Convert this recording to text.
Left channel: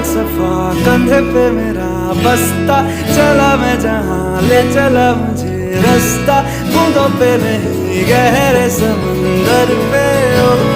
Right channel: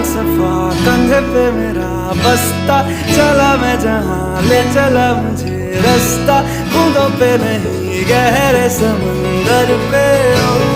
फलसफा कंधे पे मेरा बस्ता, चला मैं जहाँ ले चला मुझे रास्ता, बूंदों पे नहीं गहरे समंदर पे। ओ